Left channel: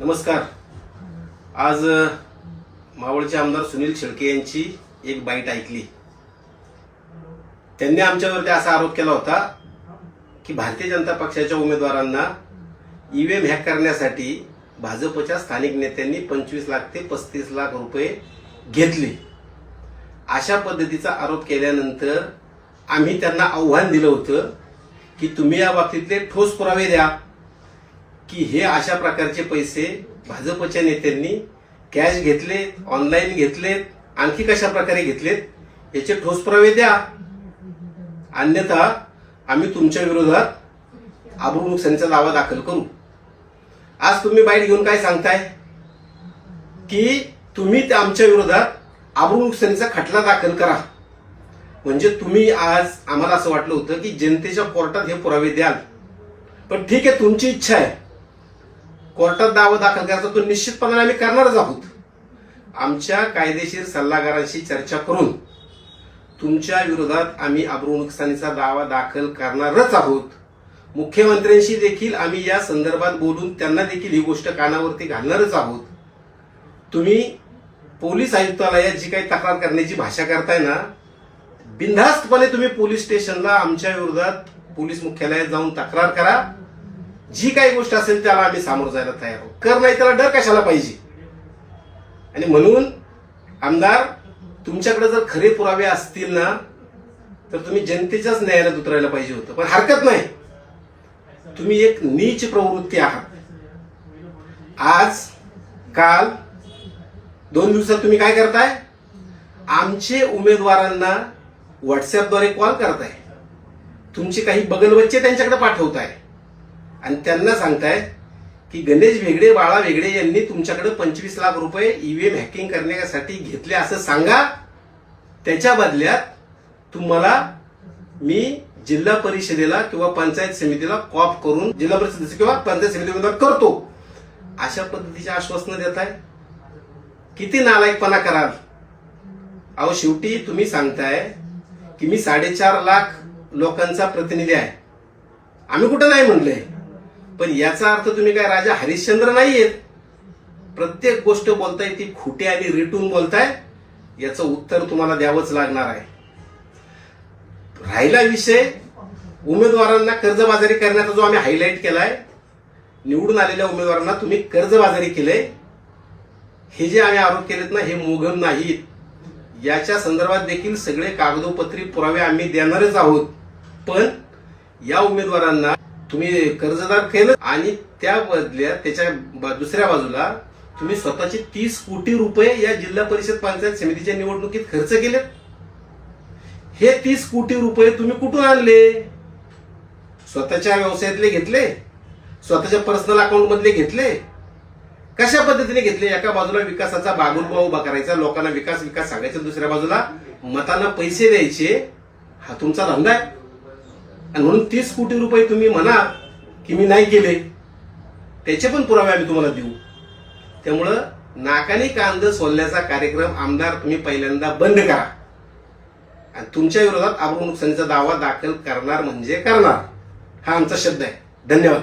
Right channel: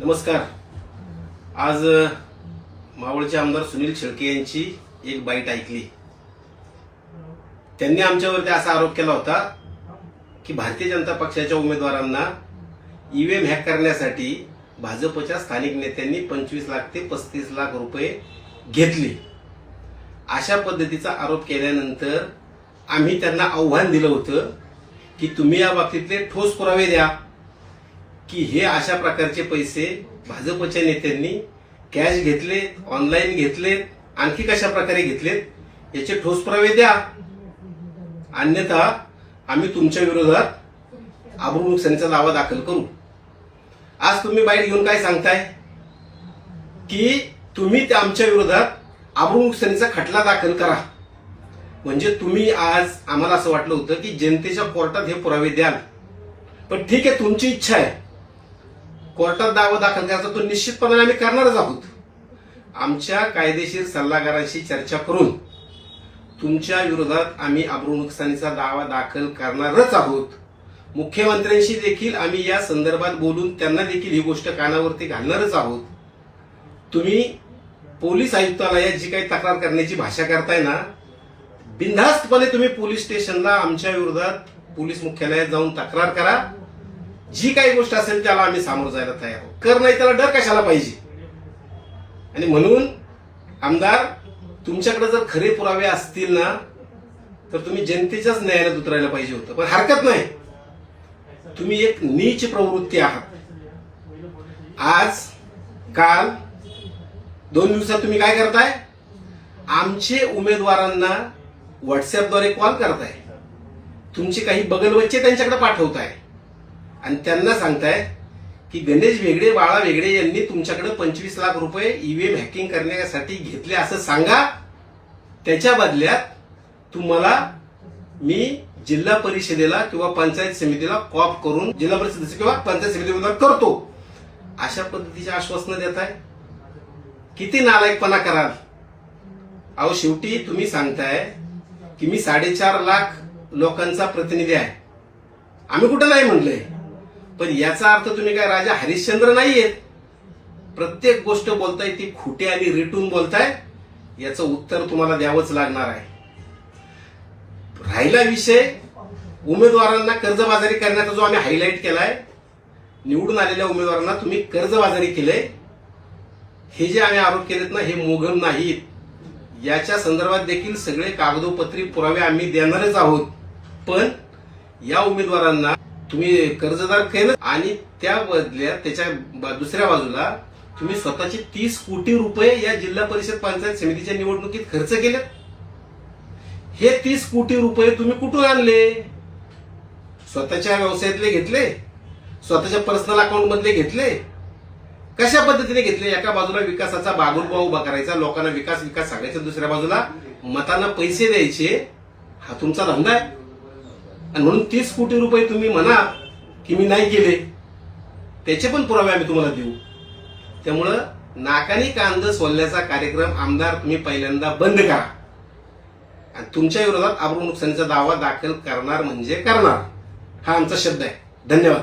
नमस्कार। आज मावळचे आमदार सुनील शेळके यांची एक बाईट ऐकली। त्यांनी आमच्यावरती असा आरोप केला होता की भारतीय जनता पक्षाच्या उमेदवारांना ईव्हीएम हॅक करण्यासाठी भाजपच्या स्थानिक नेत्यांनी 25 लाख ते 35 लाख रुपये घेतले। अशा पद्धतीचा आरोप केल्यानंतर आम्ही त्यांना आव्हान दिलं होतं की तुम्ही या बाबतीतले ठोस पुरावे द्या की हे अशा प्रकारचे पैसे भाजपच्या नेत्यांनी कॅश घेतलेत, ऑनलाईन घेतलेत, आणखी कशा प्रकारे घेतलेत याचे ठोस पुरावे द्या, अन्यथा आम्ही तुमच्या विरोधात अब्रू नुकसानीचा दावा दाखल करू। आज तुम्ही बाईट घेऊन काय सांगताय की तुम्ही आमच्या विरोधात अब्रू नुकसानीचा खटला दाखल करा। म्हणजे तुम्ही आज आम्हाला असं वाटलं होतं की जनतेच्या कोर्टात हे पुरावे द्याल, पण ठीक आहे, तुमची इच्छा आहे, कोर्टात दावा दाखल करायचा तो निश्चितपणे आम्ही करणारच आहोत। आमच्या कायदेशीर सल्लागारांशी चर्चा करून तुमच्या विरोधात आम्ही अब्रू नुकसानीचा दावा दाखल करणारच आहोत। मुख्यमंत्र्यांशी देखील आम्ही या संदर्भात बोलून त्यांना देखील ही गोष्ट कानावरती घालणारच आहोत। तुम्ही पोलीस आयुक्तालयात जी काही तक्रार करण्याची भाषा करताय ना, बिनधास्तपणे तुम्ही पोलीस स्टेशनला आमच्या विरोधात पोलीस मुख्यालयात जाऊन तक्रार करा। जी काही गोष्ट असेल त्याला आम्ही सामोरं जायला तयार आहोत। कर नाही त्याला डर कशाला पाहिजे। आणि म्हणून आमदार, तुमच्याकडे जर खरे पुरावे असतील ना तर तुम्ही जनतेच्याच न्यायालयात उतरायला पाहिजे होतं, पण हरकत नाही, तुम्ही एक नीच प्रवृत्ती आहात। आज काल 2 दिवसात तुम्ही काय करताय, आमचे उमेदवारांना व्हॉट्सअपद्वारे कॉल करताय, तुमचे काही बगलबच्चे त्यांच्याकडे पाठवताय आणि त्यांना सांगताय की गणेश वेगळे, बाळा वेगळे यांनी तुमच्याकडे 25 लाख रुपये ईव्हीएम हॅकिंग करण्यासाठी घेतले असं सांगा। त्याच्या बदल्यात तुम्हाला मी जिल्हा परिषदेला किंवा पंचायत समितीला कॉप करून जिल्हा परिषदेचे किंवा पंचायत समितीमध्ये करतो, अशा पद्धतीचे आश्वासनं देताय। किती नालायकपणा कराल। अहो, शेवटी तुम्ही सांगताय की मी 4.5 लाख लोकांचा प्रतिनिधी आहे। आम्ही कुठं नाही म्हणलंय, पण याचा अर्थ तुम्ही काय राजा हरिश्चंद्र नाहीयेत। प्रत्येक गोष्ट बोलताय ती खोटी आणि रेटून बोलताय, याचं उत्तर तुम्हाला द्यावंच लागणार आहे। राहिला विषय उमेदवारांना कर्जबाजारी करण्याचा, जो आम्ही हायलाईट केलाय, निवडून आलेल्या उमेदवारांना तुम्ही कर्जबाजारी केलंय, हे जे आम्ही आरोप केलेत ना, हे मोघम नाहीत। याच्या संदर्भात देखील सगळे कागदोपत्री पुरावे आम्ही देणारच आहोत। पण या उमेदवारांना तुम्ही कर्जदार केलं आणि त्या बदल्यात त्याच्या दुसऱ्या बाजूला तुम्ही स्वतःचे 30 कोटी रुपये या जिल्हा परिषद पंचायत समितीच्या निवडणुकीत खर्च केले। हे 30 कोटी रुपये तुम्ही कुठून आणले? स्वतःच्या व्यवसायातले घेतले, स्वतःच्या पर्सनल अकाउंट मधले घेतले, कशा पद्धतीने घेतले? एका बाजूला विकासाचा बागुलबा उभा करायचा, लोकांना विकास विकास सांगायचा, दुसऱ्या बाजूला मतांना पैसे द्यायचे, हा तुमचा धंदा आहे। आणि म्हणून 30 कोटी रुपये तुम्ही म्हणा की मी नाही केले, त्याचे पण पुरावे आम्ही तुम्हाला देऊ। त्यामुळं नाकानी कांद सोलण्याचा कार्यक्रम आमदार तुम्ही पहिल्यांदा बंद करा आणि तुमच्या विरोधात अब्रू नुकसानीचा दावा दाखल करणार म्हणजे करणार, हा आमचा शब्द आहे। धन्यवाद।